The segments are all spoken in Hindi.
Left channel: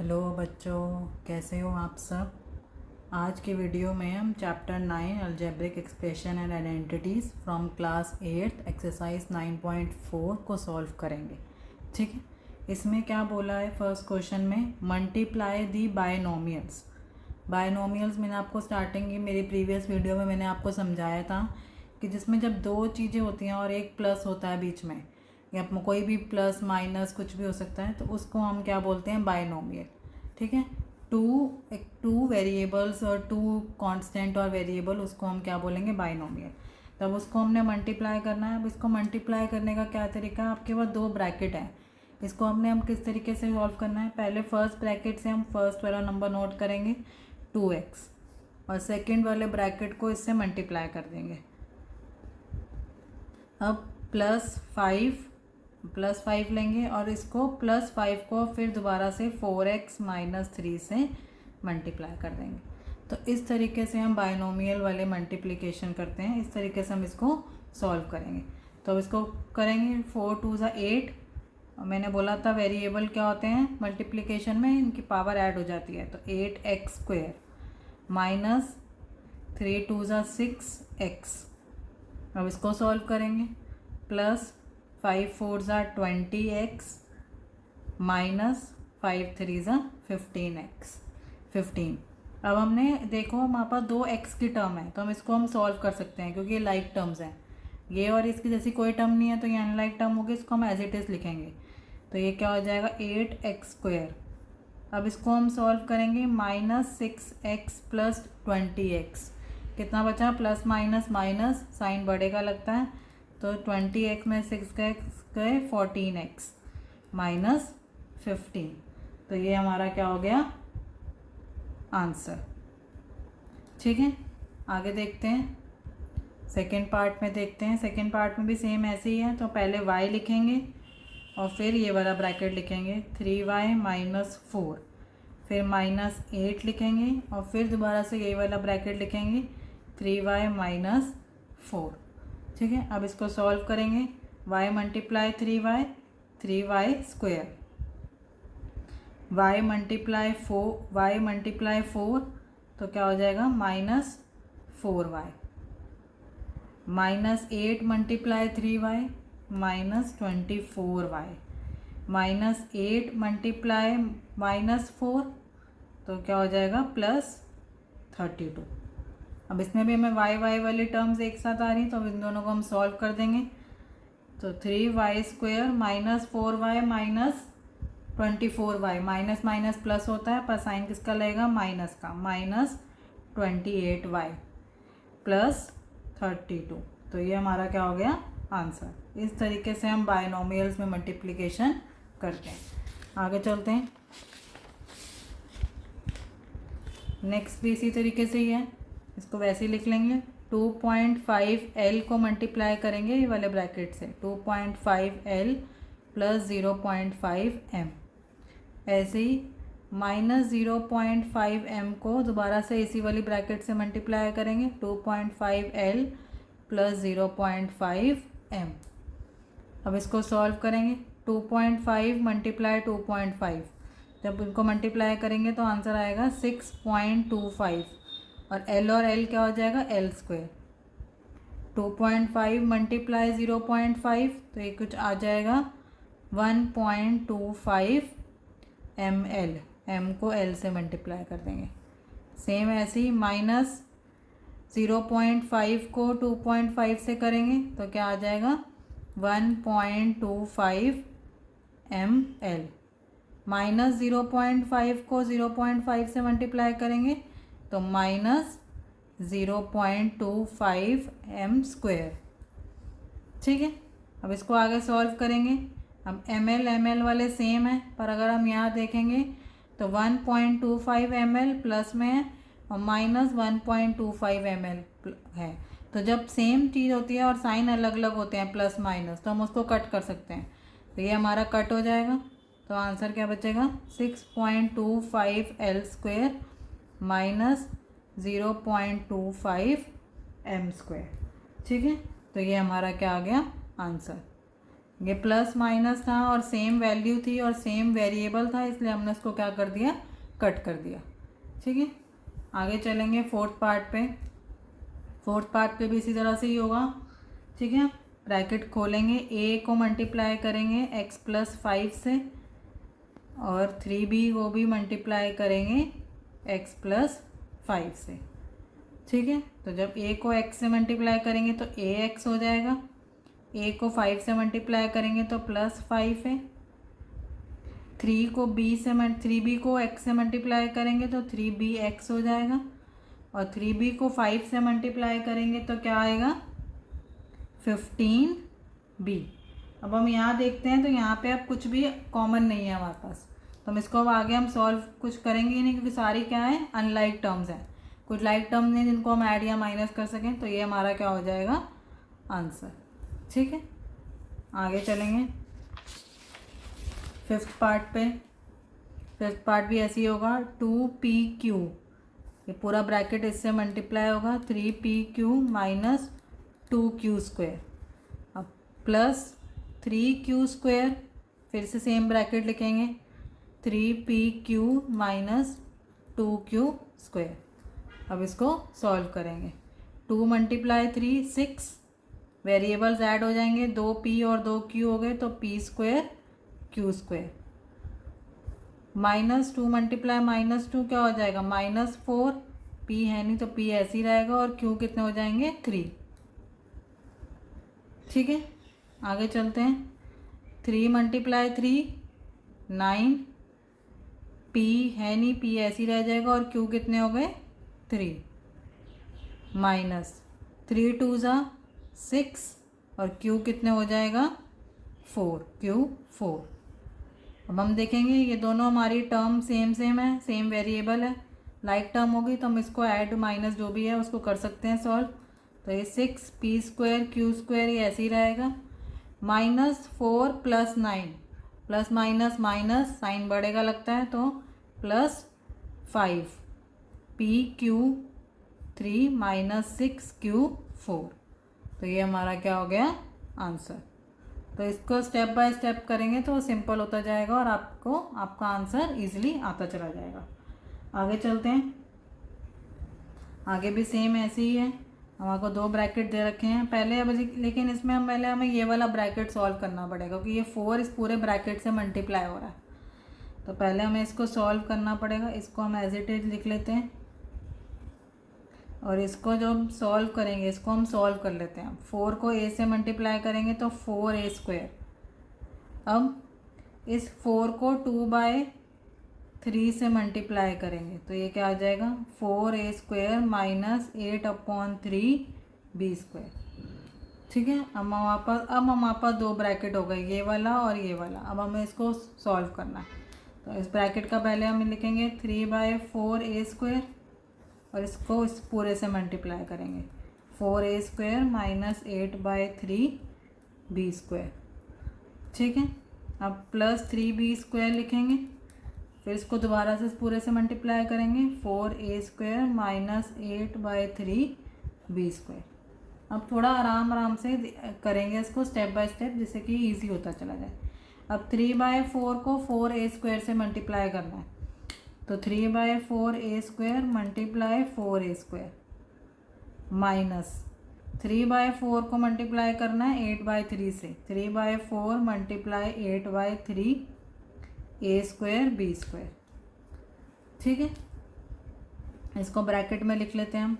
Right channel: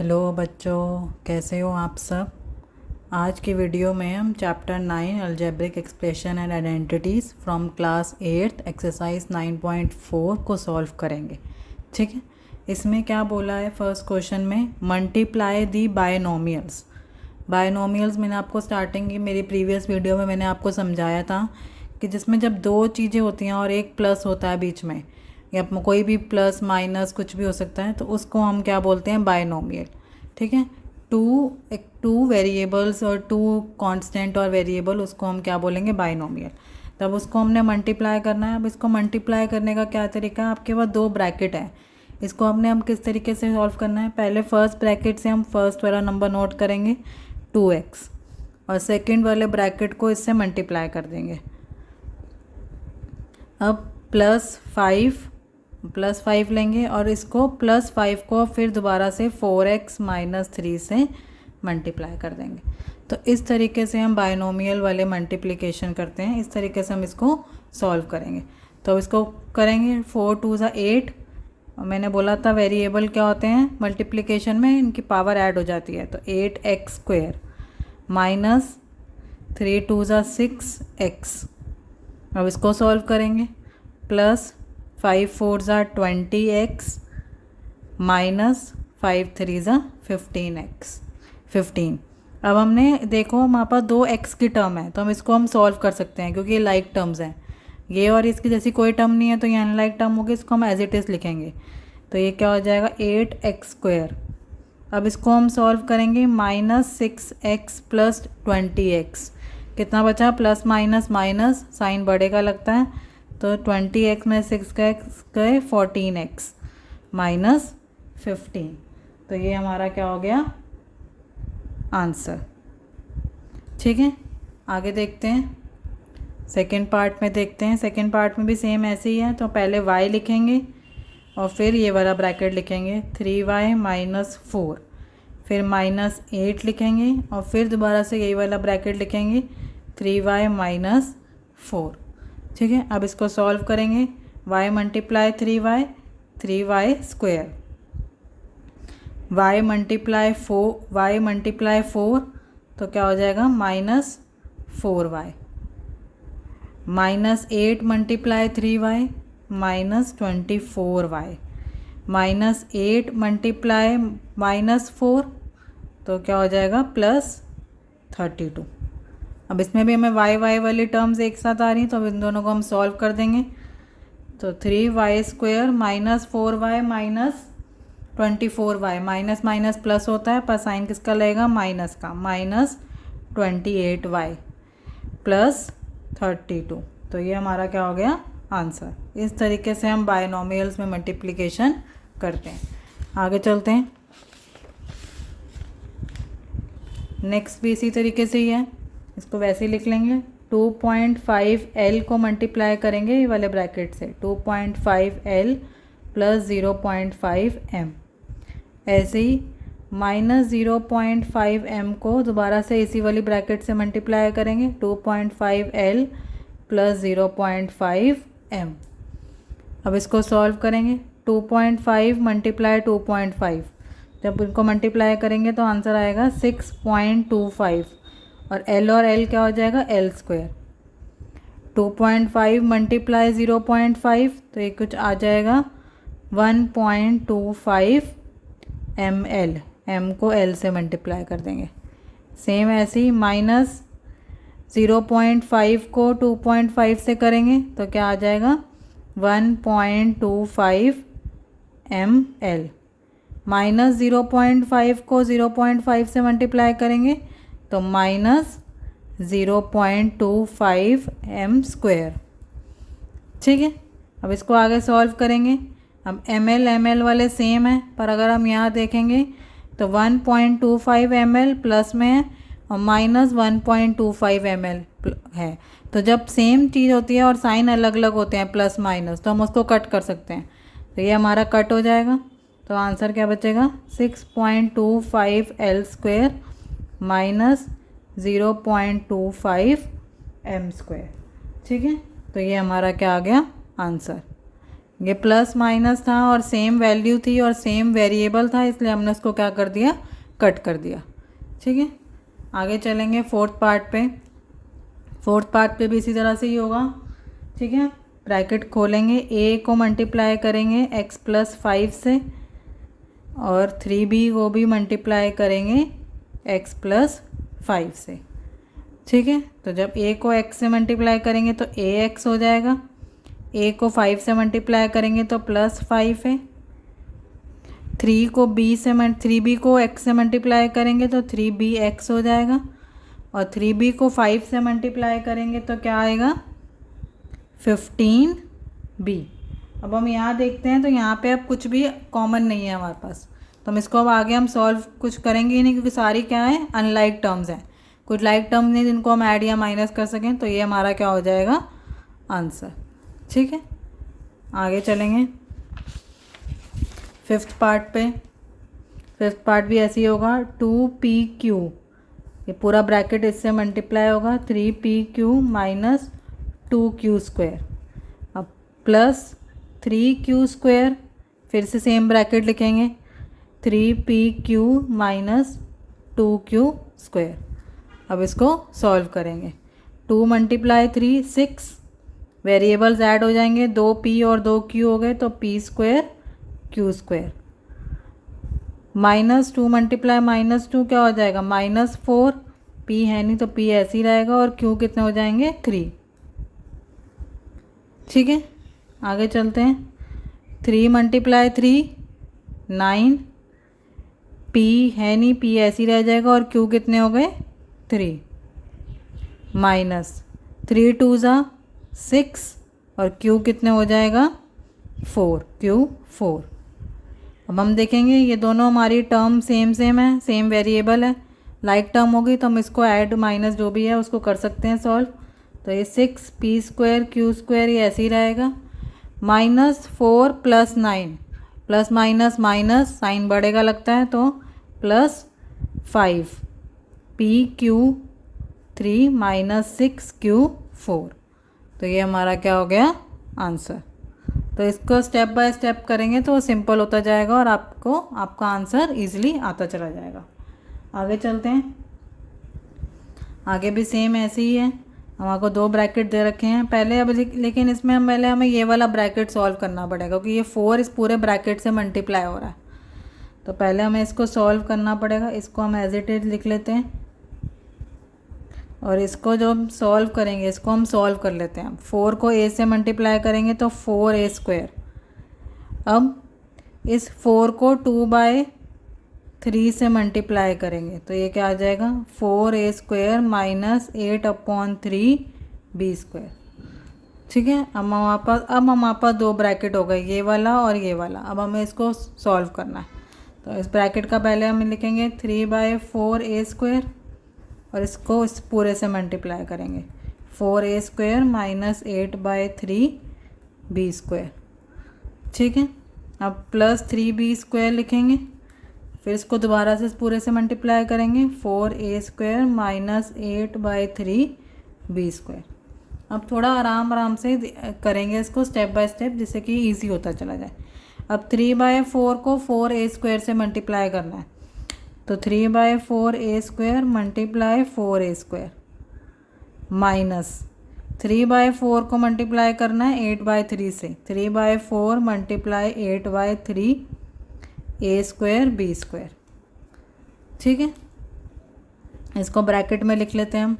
हेलो बच्चों, कैसे हो आप सब। आज की वीडियो में हम chapter 9 algebraic expression and identities from class 8 exercise 9.4 को सॉल्व करेंगे। ठीक है, इसमें क्या बोला है फर्स्ट क्वेश्चन में, मल्टीप्लाई दी बायनोमियल्स। बायनोमियल्स मैंने आपको स्टार्टिंग की मेरी प्रीवियस वीडियो में मैंने आपको समझाया था कि जिसमें जब दो चीज़ें होती हैं और एक प्लस होता है बीच में, या कोई भी प्लस माइनस कुछ भी हो सकता है, तो उसको हम क्या बोलते हैं, बायनोमियल। ठीक है, टू वेरिएबल्स और टू कांस्टेंट और वेरिएबल, उसको हम क्या बोलेंगे, बायनोमियल। तब उसको हमने मल्टीप्लाई करना है। अब इसको मल्टीप्लाई करने का क्या तरीका है, आपके पास दो ब्रैकेट है, इसको हम किस तरीके से सॉल्व करना है। पहले फर्स्ट ब्रैकेट से हम फर्स्ट वाला नंबर नोट करेंगे 2x, और सेकंड वाले ब्रैकेट को इससे मल्टीप्लाई कर देंगे। अब +5 लेंगे और इसको +5 को फिर दोबारा से 4x-3 से मल्टीप्लाई कर देंगे। तो इस तरीके से हम बायनोमियल वाले मल्टीप्लिकेशन करते हैं, इस तरीके से हम इसको सॉल्व करेंगे। तो इसको करेंगे 4 2 ज़ा 8, और मैंने बोला था वेरिएबल क्या होते हैं मल्टीप्लिकेशन में, इनकी पावर ऐड हो जाती है। तो 8x² माइनस 3 2 ज़ा 6x। अब इसको सॉल्व करेंगे, +5 4 ज़ा 20x माइनस 5 3 ज़ा 15। अब हमने देखो हमारे पास दो x की टर्म है, तो हम सॉल्व कर सकते हैं क्योंकि ये लाइक टर्म्स हैं। ये और इसकी जैसी कोई टर्म नहीं है, तो ये अनलाइक टर्म होगी, इसको हम एज इट इज़ लिखेंगे। तो ये क्या हो जाएगा, 8x²। अब इसको हम सॉल्व करेंगे, -6x + 20x। कितना बचा, प्लस माइनस माइनस साइन बढ़ेगा लगता है, तो 20x में 6x गए 14x -15। तो ये हमारा क्या हो गया, आंसर। ठीक है, आगे देखते हैं, सेकेंड पार्ट में देखते हैं। सेकेंड पार्ट में भी सेम ऐसे ही है। तो पहले y लिखेंगे और फिर ये वाला ब्रैकेट लिखेंगे 3y - 4, फिर -8 लिखेंगे और फिर दोबारा से यही वाला ब्रैकेट लिखेंगे 3y - 4। ठीक है, अब इसको सॉल्व करेंगे, y × 3y 3y², y × 4 तो क्या हो जाएगा, -4y, -8 × 3y -24y, -8 × -4 तो क्या हो जाएगा, +32। अब इसमें भी हमें y वाली टर्म्स एक साथ आ रही हैं, तो अब इन दोनों को हम सॉल्व कर देंगे। तो 3y² -4y -24y, minus minus plus होता है, पर साइन किसका लगेगा, माइनस का, -28y +32। तो ये हमारा क्या हो गया, आंसर। इस तरीके से हम बायनोमियल्स में मल्टीप्लिकेशन करते हैं। आगे चलते हैं, नेक्स्ट भी इसी तरीके से ही है, इसको वैसे ही लिख लेंगे। 2.5l को मल्टीप्लाई करेंगे ये वाले ब्रैकेट से, 2.5l + 0.5m। ऐसे ही -0.5m को दोबारा से इसी वाली ब्रैकेट से मल्टीप्लाई करेंगे, 2.5l + 0.5m। अब इसको सॉल्व करेंगे, 2.5 × 2.5, जब इनको मल्टीप्लाई करेंगे तो आंसर आएगा 6.25, और l क्या हो जाएगा, l²। 2.5 × 0.5 तो ये कुछ आ जाएगा 1.25 ml, m को l से मल्टीप्लाई कर देंगे। सेम ऐसे ही -0.5 को 2.5 से करेंगे तो क्या आ जाएगा, 1.25 ml। -0.5 को 0.5 से मल्टीप्लाई करेंगे तो -0.25 m²। ठीक है, अब इसको आगे सॉल्व करेंगे। अब ml वाले सेम है, पर अगर हम यहाँ देखेंगे तो 1.25 ml प्लस में है और -1.25 ml है। तो जब सेम चीज़ होती है और साइन अलग अलग होते हैं प्लस माइनस, तो हम उसको कट कर सकते हैं। तो ये हमारा कट हो जाएगा, तो आंसर क्या बचेगा, 6.25 l² -0.25 m²। ठीक है, तो ये हमारा क्या आ गया, आंसर। ये प्लस माइनस था और सेम वैल्यू थी और सेम वेरिएबल था, इसलिए हमने उसको क्या कर दिया, कट कर दिया। ठीक है, आगे चलेंगे फोर्थ पार्ट पे। फोर्थ पार्ट पे भी इसी तरह से ही होगा। ठीक है, ब्रैकेट खोलेंगे, ए को मल्टीप्लाई करेंगे x प्लस 5 से और 3b को भी मल्टीप्लाई करेंगे x प्लस 5 से। ठीक है, तो जब a को x से मल्टीप्लाई करेंगे तो ax हो जाएगा, a को 5 से मल्टीप्लाई करेंगे तो प्लस 5 है, 3b को x से मल्टीप्लाई करेंगे तो 3bx हो जाएगा और 3b को 5 से मल्टीप्लाई करेंगे तो क्या आएगा, 15b। अब हम यहाँ देखते हैं तो यहाँ पे अब कुछ भी कॉमन नहीं है हमारे पास, तो हम इसको अब आगे हम सॉल्व कुछ करेंगे ही नहीं, क्योंकि सारी क्या है, अनलाइक टर्म्स हैं। कुछ लाइक टर्म्स नहीं जिनको हम ऐड या माइनस कर सकें, तो ये हमारा क्या हो जाएगा, आंसर। ठीक है, आगे चलेंगे फिफ्थ पार्ट पे। फिफ्थ पार्ट भी ऐसे ही होगा, 2pq, ये पूरा ब्रैकेट इससे मल्टीप्लाई होगा, 3pq माइनस 2q स्क्वायर, अब प्लस 3q स्क्वायर, फिर से सेम ब्रैकेट लिखेंगे, 3pq माइनस 2q स्क्वायर। अब इसको सॉल्व करेंगे, 2 मल्टीप्लाई 3 6, वेरिएबल्स ऐड हो जाएंगे, 2p और 2q हो गए तो p square q square, minus 2 multiply minus 2 क्या हो जाएगा, -4, p है नहीं तो p ऐसे ही रहेगा और q कितने हो जाएंगे, 3। ठीक है, आगे चलते हैं, 3 मल्टीप्लाई 3 9, p है नहीं, p ऐसे ही रह जाएगा और q कितने हो गए, 3, माइनस 3 2 ज़ा 6 और q कितने हो जाएगा, 4, q 4। अब हम देखेंगे ये दोनों हमारी टर्म सेम है, सेम वेरिएबल है, लाइक टर्म होगी तो हम इसको ऐड माइनस जो भी है उसको कर सकते हैं सॉल्व। तो ये 6p स्क्वायर q स्क्वायर ये ऐसे ही रहेगा, -4 plus 9, plus minus minus sine बढ़ेगा लगता है, तो प्लस 5 pq 3 माइनस 6q 4। तो ये हमारा क्या हो गया, आंसर। तो इसको स्टेप बाय स्टेप करेंगे तो सिंपल होता जाएगा और आपका आंसर इजीली आता चला जाएगा। आगे चलते हैं, आगे भी सेम ऐसे ही है, हमारे को 2 ब्रैकेट दे रखे हैं पहले, अब लेकिन इसमें हमें ये वाला ब्रैकेट सॉल्व करना पड़ेगा, क्योंकि ये 4 इस पूरे ब्रैकेट से मल्टीप्लाई हो रहा है, तो पहले हमें इसको सॉल्व करना पड़ेगा। इसको हम एज इट इज लिख लेते हैं और इसको जो हम सॉल्व करेंगे इसको हम सॉल्व कर लेते हैं। 4 को a से मल्टीप्लाई करेंगे तो 4a स्क्वायर, अब इस 4 को 2/3 से मल्टीप्लाई करेंगे तो ये क्या आ जाएगा, 4a square minus 8/3b square. ठीक है, अब हमारे पास 2 ब्रैकेट हो गए, ये वाला और ये वाला। अब हमें इसको सॉल्व करना है, तो इस ब्रैकेट का पहले हम लिखेंगे 3/4a स्क्वायर और इसको इस पूरे से मल्टीप्लाई करेंगे, 4a square minus 8/3b square. ठीक है, अब प्लस 3b स्क्वायर लिखेंगे, फिर इसको दोबारा से इस पूरे से मल्टीप्लाई करेंगे, 4a square minus 8/3b square. अब थोड़ा आराम से करेंगे इसको स्टेप बाय स्टेप, जिससे कि इजी होता चला जाए। अब 3/4 को 4a स्क्वायर से मल्टीप्लाई करना है, तो 3/4a square multiply 4a square minus 3/4 को मल्टीप्लाई करना है 8/3 से, 3/4 multiply 8/3a square b square. ठीक है, इसको ब्रैकेट में लिख लेते हैं हम।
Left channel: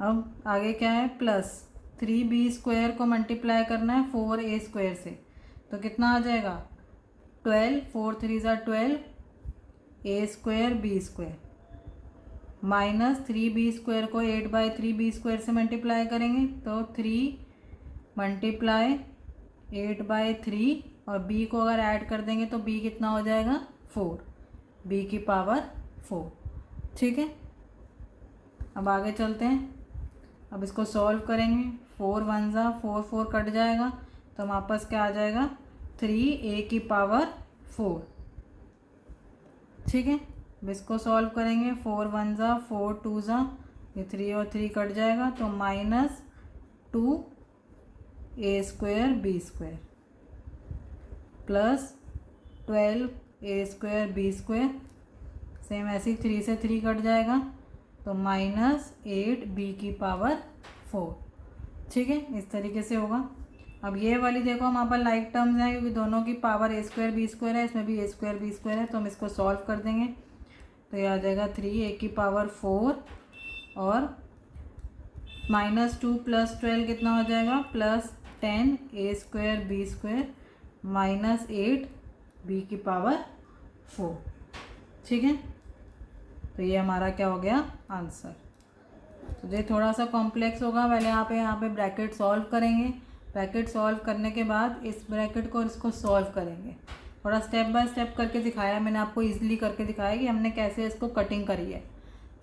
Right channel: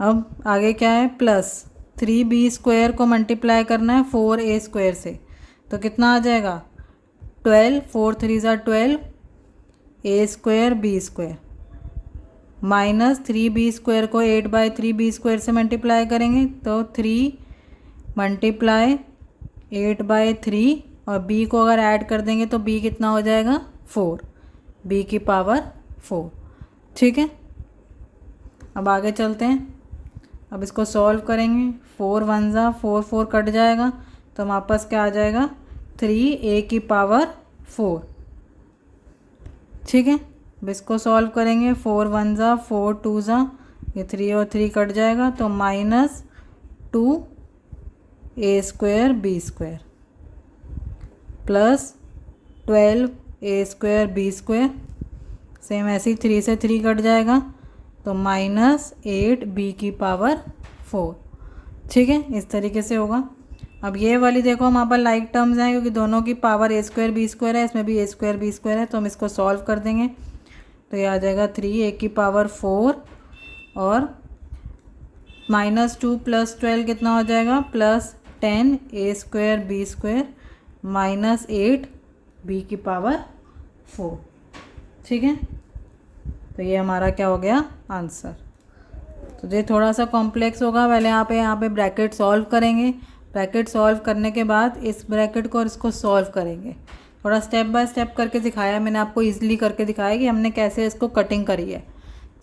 अब आगे क्या है, प्लस 3b स्क्वायर को मल्टीप्लाई करना है 4a स्क्वायर से, तो कितना आ जाएगा, 12, 4 3 ज़ा 12 a square b square minus 3b square को 8/3b स्क्वायर से मल्टीप्लाई करेंगे तो 3 मल्टीप्लाई 8/3 और b को अगर ऐड कर देंगे तो b कितना हो जाएगा, 4, b की पावर 4। ठीक है, अब आगे चलते हैं, अब इसको सॉल्व करेंगे, 4 1 ज़ा 4 4 कट जाएगा तो हमारे पास क्या आ जाएगा, 3a की पावर 4। ठीक है, अब इसको सॉल्व करेंगे, 4 1 ज़ा 4 2 ज़ा, ये 3 और 3 कट जाएगा तो -2a square b square. Plus 12 ए स्क्वायर बी स्क्वायर, सेम ऐसे ही 3 से 3 कट जाएगा तो -8 बी की पावर 4। ठीक है, इस तरीके से होगा। अब ये वाली देखो हमारे पास लाइक टर्म्स हैं क्योंकि दोनों की पावर ए स्क्वायर बी स्क्वायर है, इसमें भी ए स्क्वायर बी स्क्वायर है, तो हम इसको सॉल्व कर देंगे तो ये आ जाएगा 3 ए की पावर 4 और -2 + 12 कितना हो जाएगा +10 ए स्क्वायर बी स्क्वायर -8 बी की पावर 4। ठीक है, तो ये हमारा क्या हो गया आंसर। तो ये थोड़ा सा कॉम्प्लेक्स होगा, पहले यहाँ पे ब्रैकेट सॉल्व करेंगे, ब्रैकेट सॉल्व करने के बाद इस ब्रैकेट को और इसको सॉल्व करेंगे। थोड़ा स्टेप बाय स्टेप करके दिखाया मैंने आपको, ईजिली करके दिखाया कि हमने कैसे इसको कटिंग करी है।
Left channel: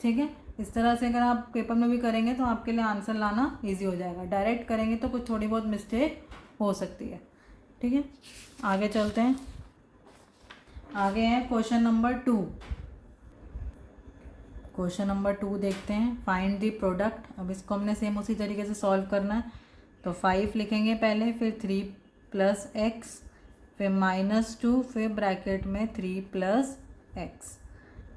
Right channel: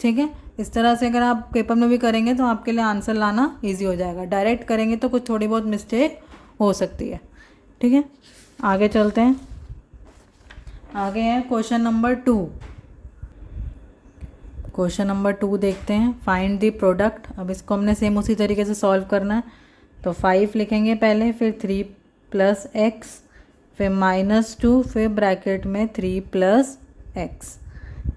ठीक है, इस तरह से अगर आप पेपर में भी करेंगे तो आपके लिए आंसर लाना ईजी हो जाएगा। डायरेक्ट करेंगे तो कुछ थोड़ी बहुत मिस्टेक हो सकती है। ठीक है, आगे चलते हैं। आगे है क्वेश्चन नंबर 2। क्वेश्चन नंबर 2 देखते हैं, फाइंड द प्रोडक्ट। अब इसको हमने सेम उसी तरीके से सॉल्व करना है, तो 5 लिखेंगे पहले, फिर 3 + x, फिर -2, फिर ब्रैकेट में 3 + x।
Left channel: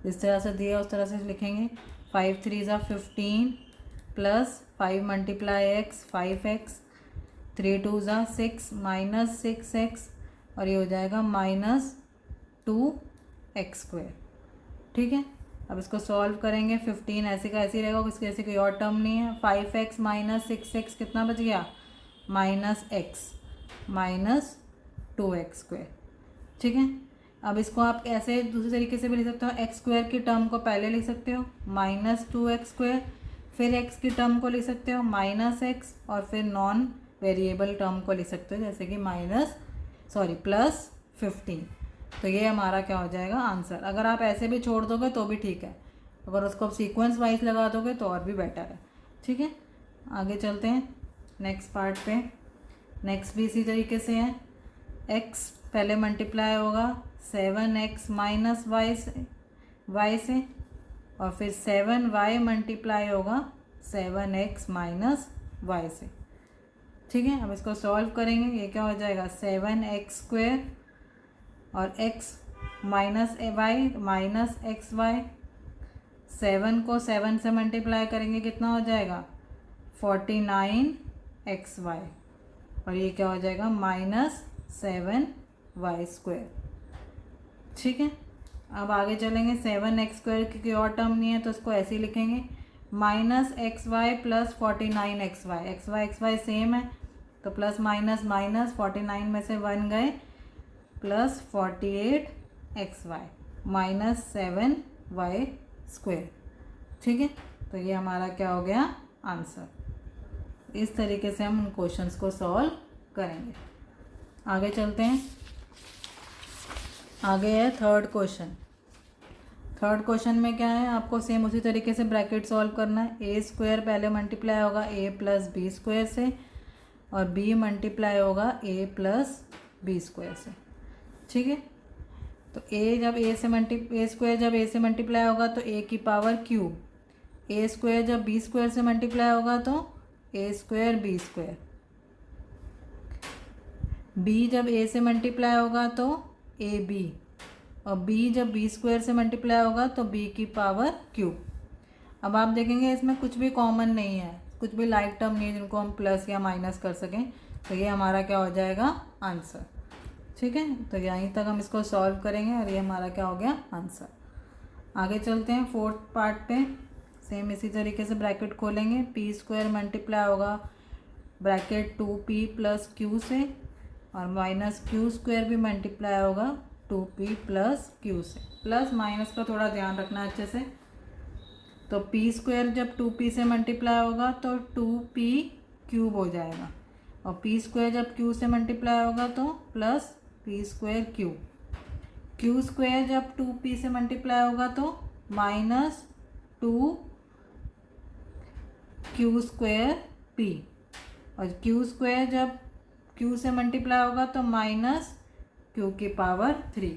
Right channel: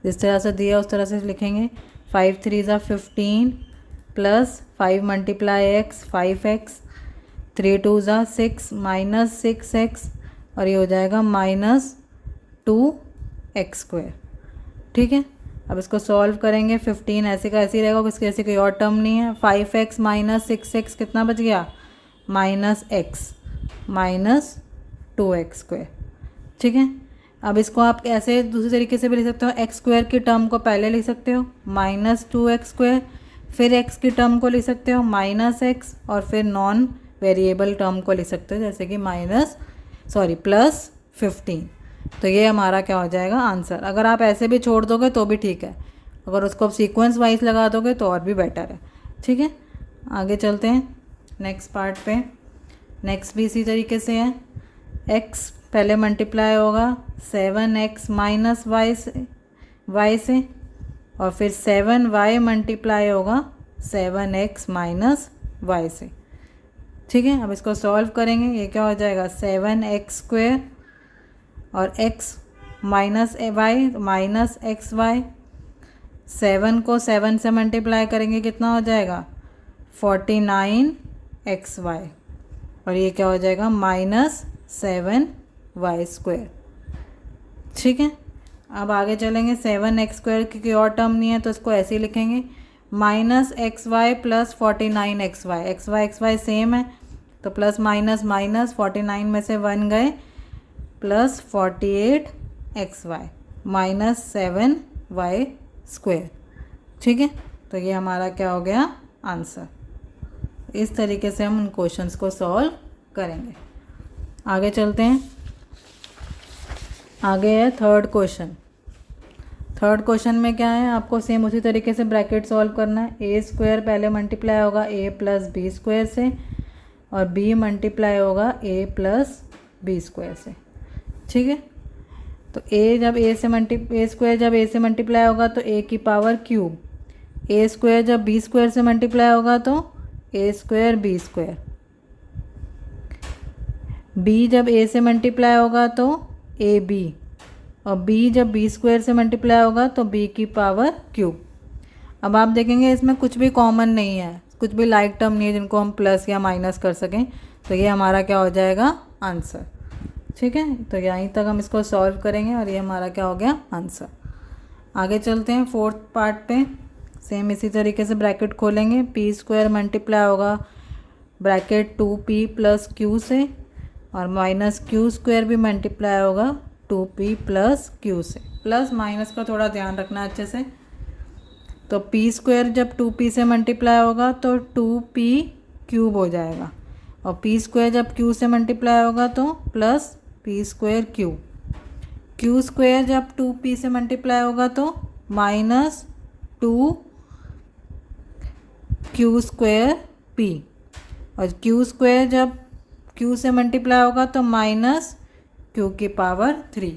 जिस तरह से दिया उस तरह से लिखेंगे। 5 3 = 15 प्लस 5 × x 5x, 3 2 = 6 -6x और ये हो जाएगा -2x²। ठीक है, अब इसको सॉल्व करेंगे। 15 ऐसे का ऐसे ही रहेगा, इसके ऐसे कोई और टर्म नहीं है। 5x - 6x कितना बच गया -x -2x²। ठीक है, अब इसको आप ऐसे दूसरे तरीके से भी लिख सकते हो। x² की टर्म को पहले लिख सकते हो -2x², फिर x की टर्म को लिख सकते हो -x और फिर नॉन वेरिएबल टर्म को लिख सकते हो जैसे कि +15। तो ये हमारा क्या हो जाएगा आंसर। अगर आप ऐसे भी छोड़ दोगे तो भी ठीक है, अगर उसको आप सीक्वेंस वाइज लगा दोगे तो और भी बेटर है। ठीक है, आगे चलते हैं नेक्स्ट पार्ट पे। नेक्स्ट भी इसी तरीके से है। x पहले मल्टीप्लाई होगा 7x - y से और फिर 7y मल्टीप्लाई होगा 7x - y से। ठीक है, अब इसको सॉल्व करेंगे। ये क्या हो जाएगा 7x² और x -y -xy। 7 को 7 से मल्टीप्लाई करेंगे कितना हो जाएगा 49xy और ये क्या हो जाएगा -7y²। ठीक है, अब आगे चलेंगे। 7x² की कोई और टर्म नहीं है तो इसको ऐसे ही लिखेंगे -xy + 49xy। xy सेम है तो प्लस माइनस माइनस 49 में से 1 गए +48xy -7y²। ठीक है, तो ये हमारा क्या हो गया आंसर। इस तरीके से हम उन क्वेश्चंस को सॉल्व करेंगे। आगे चलते हैं। आगे है थर्ड क्वेश्चन। थर्ड क्वेश्चन में क्या है, आपको सेम उसी तरीके से ब्रैकेट सॉल्व करना है। a² पहले मल्टीप्लाई होगा a + b² से और b मल्टीप्लाई होगा a + b² से। ठीक है, तो a जब a से मल्टीप्लाई होगा तो a की पावर क्यूब, a² जब b² से मल्टीप्लाई होगा तो a² b², b जब a से मल्टीप्लाई होगा तो ab और b जब b² से मल्टीप्लाई होगा तो b की पावर क्यूब। अब आप देखेंगे इसमें कुछ भी कॉमन नहीं है, कुछ भी लाइक टर्म नहीं है जिनको हम प्लस या माइनस कर सकें, तो ये हमारा क्या हो जाएगा आंसर। ठीक है, तो यहीं तक हम इसको सॉल्व करेंगे और ये हमारा क्या हो गया आंसर। आगे चलते हैं फोर्थ पार्ट पे। सेम इसी तरीके से ब्रैकेट खोलेंगे। p² मल्टीप्लाई होगा ब्रैकेट 2p + q से और -q² भी मल्टीप्लाई होगा 2p + q से। प्लस माइनस का थोड़ा ध्यान रखना अच्छे से। तो p² जब 2p से मल्टीप्लाई होगा तो 2p³ हो जाएगा और p² जब q से मल्टीप्लाई होगा तो +p²q। q² जब 2p से मल्टीप्लाई होगा तो -2q²p और q² जब q से मल्टीप्लाई होगा तो -q⁴।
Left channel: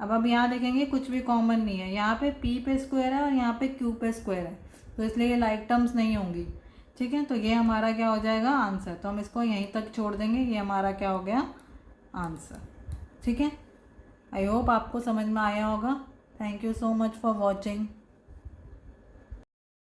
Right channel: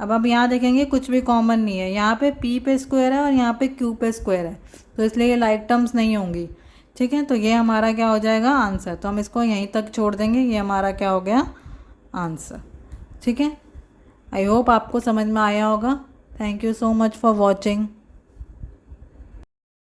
अब यहाँ देखेंगे कुछ भी कॉमन नहीं है, यहाँ पे p पे स्क्वायर है और यहाँ पे q पे स्क्वायर है, तो इसलिए ये लाइक टर्म्स नहीं होंगी। ठीक है, तो ये हमारा क्या हो जाएगा आंसर। तो हम इसको यहीं तक छोड़ देंगे, ये हमारा क्या हो गया आंसर। ठीक है। आई होप आपको समझ में आया होगा। Thank you so much for watching.